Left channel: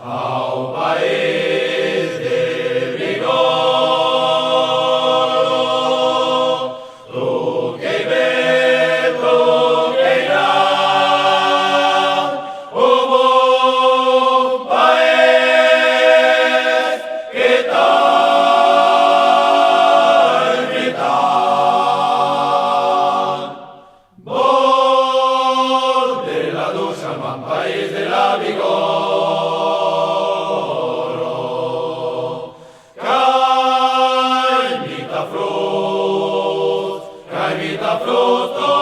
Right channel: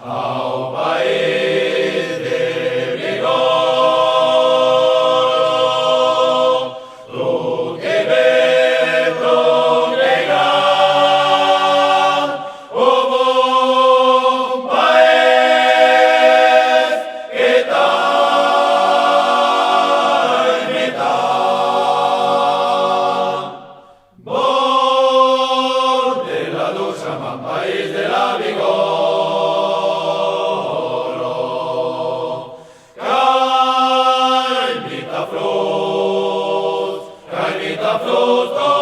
Au país de mi coro, tu che vedo negrar, o buon paese che tal metà. Bon della dolce ma paese della vigoro, cai vita frut